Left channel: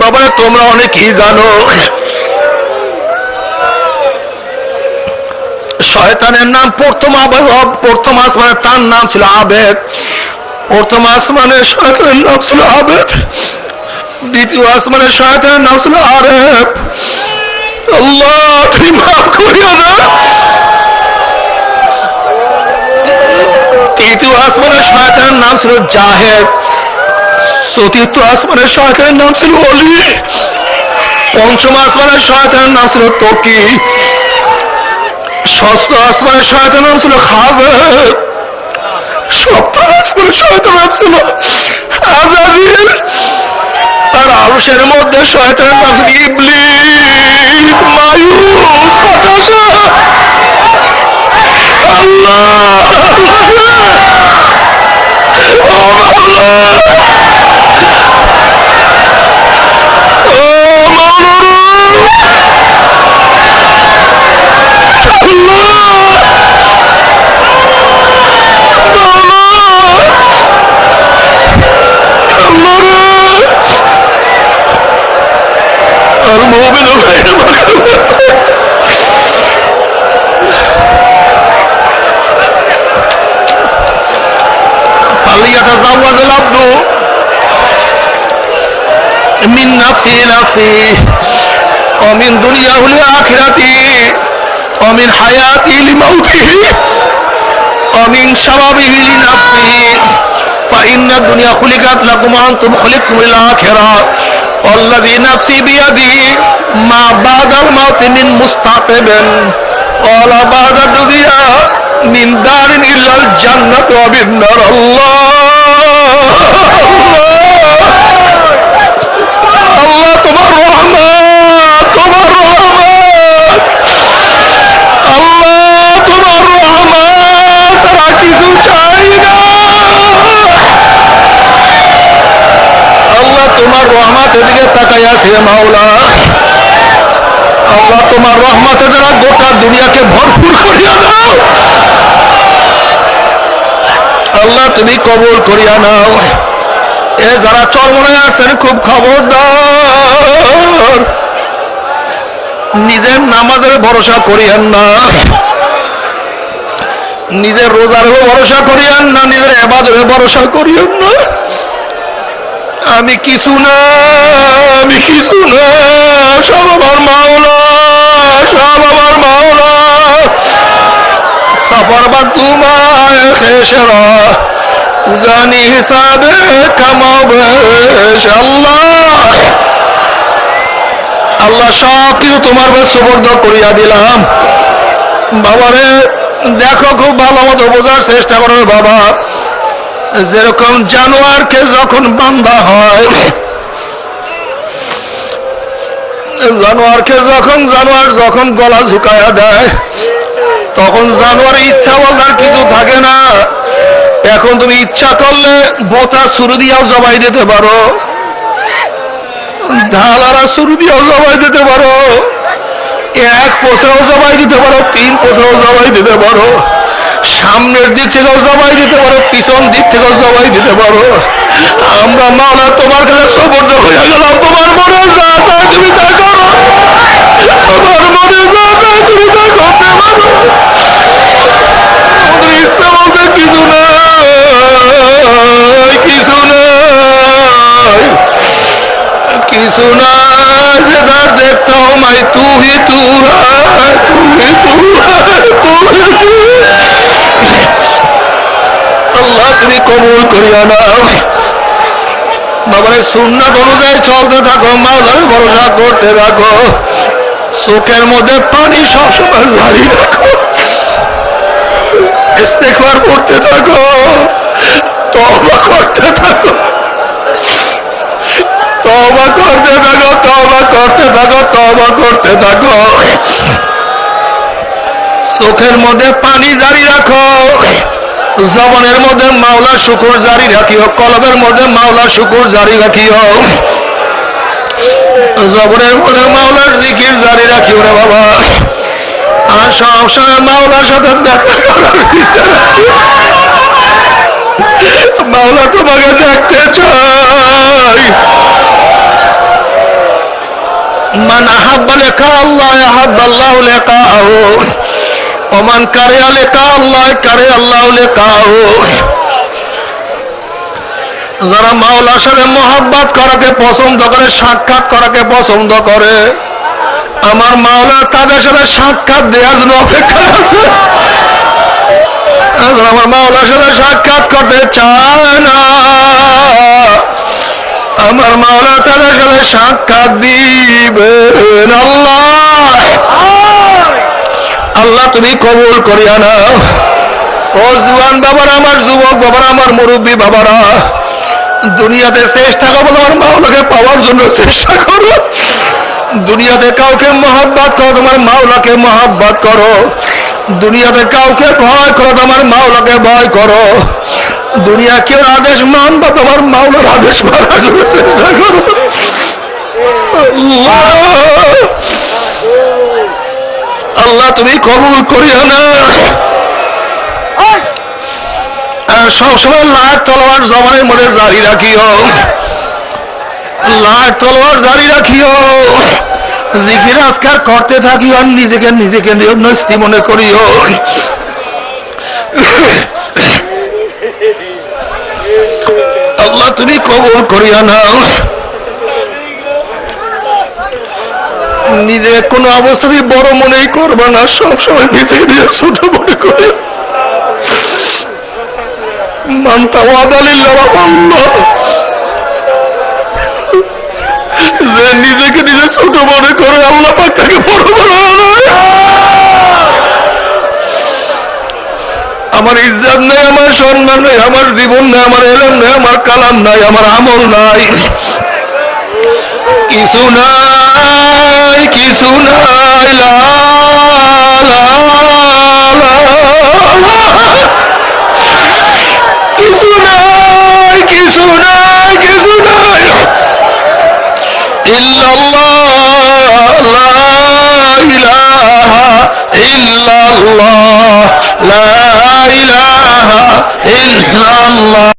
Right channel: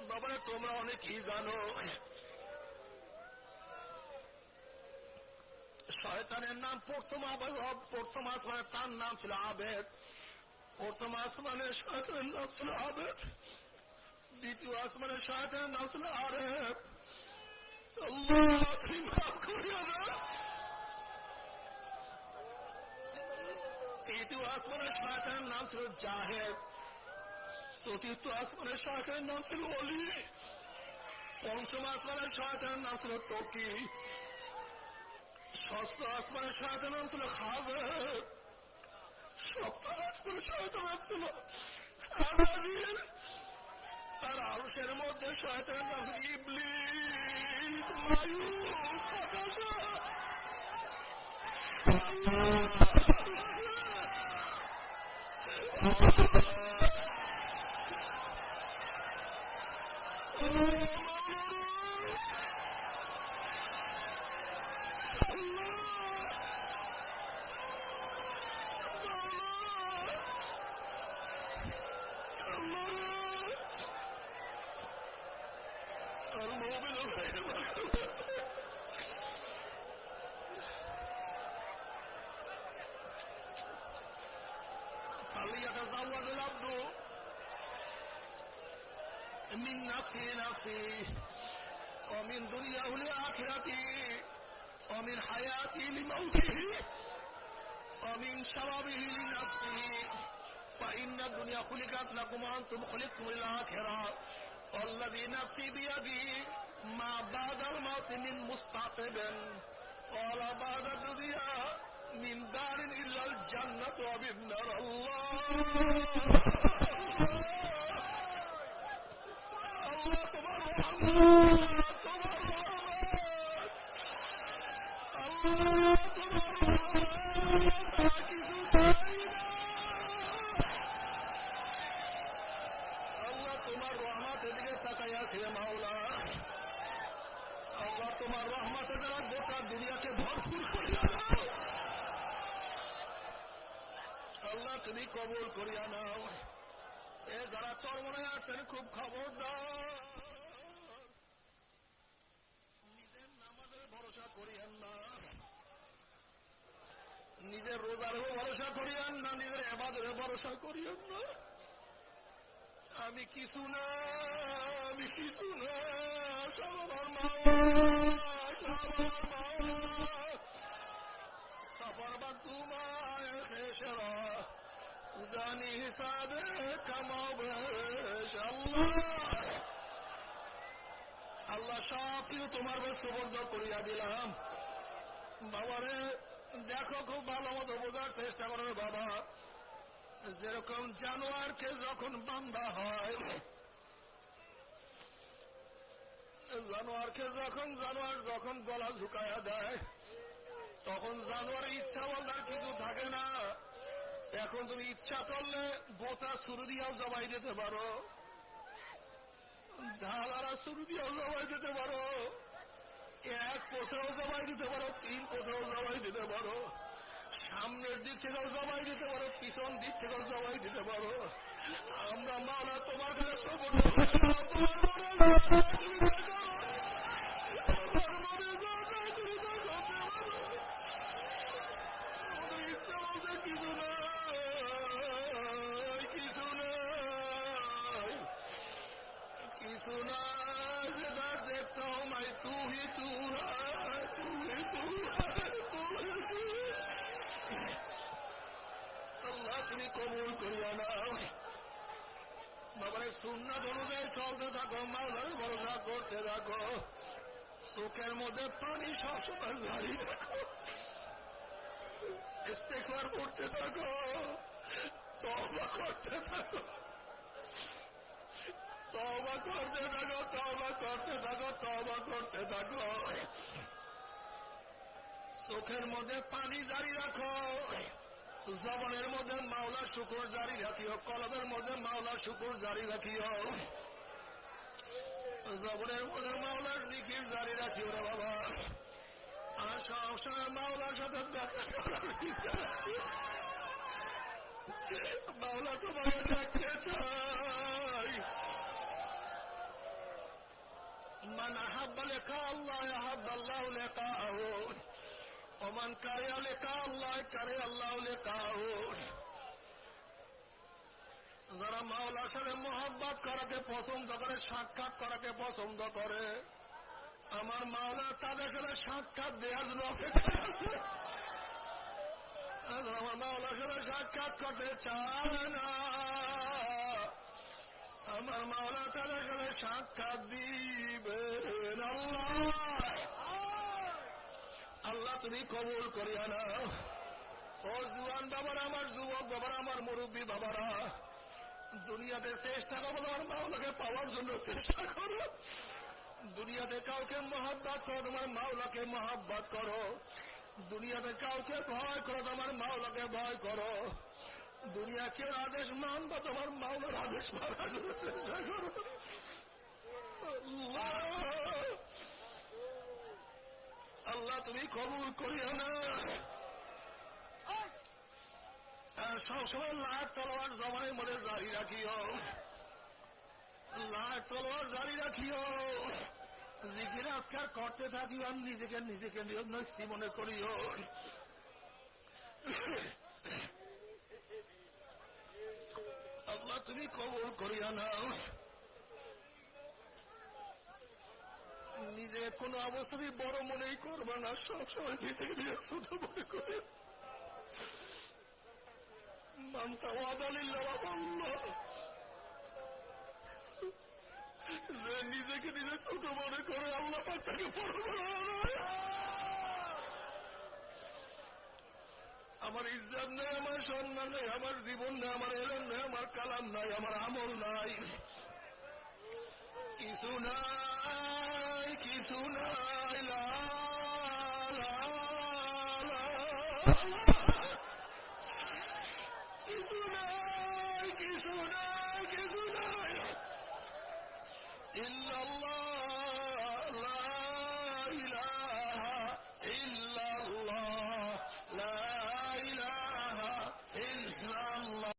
বাবারা তোমরা অনেকেই জানো শয়তানের নাম প্রথম আসমানে তার নাম ছিল আবেদ। প্রথম আসমানের শয়তানের নাম ছিল আবেদ, দ্বিতীয় আসমানের শয়তানের নাম ছিল আরেফ। আল্লাহ তুমি মাফ করিও না। তৃতীয় আসমানের শয়তানের নাম ছিল জাহেদ, চতুর্থ আসমানের শয়তানের নাম ছিল অলি, পঞ্চম আসমানের শয়তানের নাম ছিল তকি, ষষ্ঠ আসমানের শয়তানের নাম ছিল খাজের, সপ্তম আসমানের শয়তানের নাম ছিল আজাজিল, আর আরশের মধ্যে শয়তানের নাম ছিল ইবলিস, মায়ুস, হতাশা। আল্লাহ المؤمن غير مغلوب فليتزوج العبد من نفسه ومن دنياه لآخرته ومن حياته لموته ومن شبابه لنفسه فإن الدنيا خلقت لكم وأنتم خلقتم للآخرة والذي نفسي بيده ما بعد الموت من مستقب ولا بعد الدنيا من دار إلا الجنة وبالنار الله الله তোমার রহমত তোমার রহমত আল্লাহ তোমার রহমত তারা কিছু চাই না আল্লাহ তোমার রহমতের দিকে তাকাই আছে মাওলা আল্লাহ তোমার রহমতে যারা গোটা দুনিয়াকে ভরপুর করিয়া দাও আল্লাহ তুমি কবুল করিয়া নাও এ যারা চরমনে আছেন খুব খবরদার নিজের নামাজের ভরসা করিয়েন না নিজের রোজার ভরসা করিয়েন না নিজের ইবাদতের ভরসা করিয়েন না আমি কিছু না সব আমার মাওলা সব আমার মাওলা সফর বা তোমায় খেসরা জানি হিসাবে কামাবে আল্লাহ আল্লাহ সব কিছু তোমার কাছে সুপর্দ করিয়া দিলাম বাবারে দেখো খুব ভালো মতো বোঝার চেষ্টা করো বাবা যেরকম জানোয়ারকে যখন বান্ধা হয় জানোয়ার যখন গলা ঝুঁকায়া দেয় তখন জানোয়ার ইচ্ছা বলার কিছু থাকে না এখন তুমি ইচ্ছা করলে বোতা ছুরি দিয়েও জবাই দিতে পারো ঢালারা ছুরি দিয়েও জবাই দিতে পারো এক পোষেও জবাই দিতে পারো তিন পোষেও জবাই দিতে পারো সামনের দিক থেকেও জবাই দিতে পারো পিছন দিক থেকেও জবাই দিতে পারো আমরা মাওলা তোমার কাছে সুপর্দ হয়ে গেলাম তোমার মনে যা চায় তুমি তা করো তোমার মনে যা চায় তুমি তা করতে পারো আমাদের ইচ্ছা বলতে কিছু নাই যেদার দেখতে হো মাই তু হি তু আল্লাহ তুমি কবুল করিয়া নাও বাবারে সুন্নাত অনুযায়ী চলতে থাকো মাওলার ভরসা করতে থাকো চোখের মধ্যে পানি সবসময় জারি রাখো ইস্তেগফার করতে থাকো তওবা করতে থাকো চোখের মধ্যে পানি জারি রাখো জবানের মধ্যে মাওলা শুকুর জারি রাখিও কলবের মধ্যে মাওলা শুকুর জারি রাখিও জবানের মধ্যে মাওলার জিকির জারি রাখিও রে বাবা আর সব সময় মাওলার সাথে দেখা করার মাওলা তোমাকে দেখতে চাই মান আহাব্বা লিকা আল্লাহ আহাব্বা আল্লাহু লিকাহু ওয়া মান কারিহা লিকা আল্লাহ কারিহা আল্লাহু লিকাহু। যারা মাওলার সাথে মহব্বত করাকে পছন্দ করে, সাক্ষাৎ করাকে পছন্দ করে, আমার মাওলা তাদের সাথে সাক্ষাৎ দেওয়ার জন্য অপেক্ষা আছে। আমার মাওলার সাথে সাক্ষাৎ করতে চায় না, আমার মাওলা তাদের সাথে সাক্ষাৎ দিবেন। আল্লাহ আল্লাহ তুমি কবুল করিয়া নাও। ও জুয়ান বাবারা, আমার যুবক বাবারা, আমার মুরব্বী বাবারা, দুনিয়াতে চেষ্টা করো তোমার মাওলাকে পাওয়ার জন্য চেষ্টা করো। দুনিয়াতে কাউকে মহব্বত করো, তোমার মাওলাকে মহব্বত করো। দুনিয়াতে কাউকে ভয় করো, তোমার মাওলাকে ভয় করো। দুনিয়া কেউ আদেশ মানবা, তোমার মাওলার আদেশ মানার জন্য চেষ্টা করো। আল্লাহ তুমি কবুল করিও না। সবসময় লাখ তলোয়ার জবানের মধ্যে জারি রাখিও, লাখ তলোয়ার জারি রাখিও। জিকির আজকার করতে থাকিও, আর নিজেকে নিজেকে নস্তি মনে করিও। আল্লাহ তুমি কবুল করিয়া নাও। নিজে কোনো অবস্থাতেই বড় মনেই করবা না, সবসময় নিজেকে নিজে ছোট মনে করি। মানতা ওয়াদালিল্লাহ আল্লাহ, যে নিজেকে নিজে ছোট মনে করে আল্লাহ পাক তাকে বড় বানায়। আমার ইজ্জত নেই, আমার সম্মান নেই, আমার জীবন নেই, আমার এলম নেই, আমার কালাম নাই, আমার আমল নাই, কিছু নাই, কিছু নাই। লা লা লা লা। কিছু নাই, কিছু নাই, কিছু নাই। ইল্লাল্লাহ, লা ইলাহা ইল্লাল্লাহ, লা ইলাহা ইল্লাল্লাহ।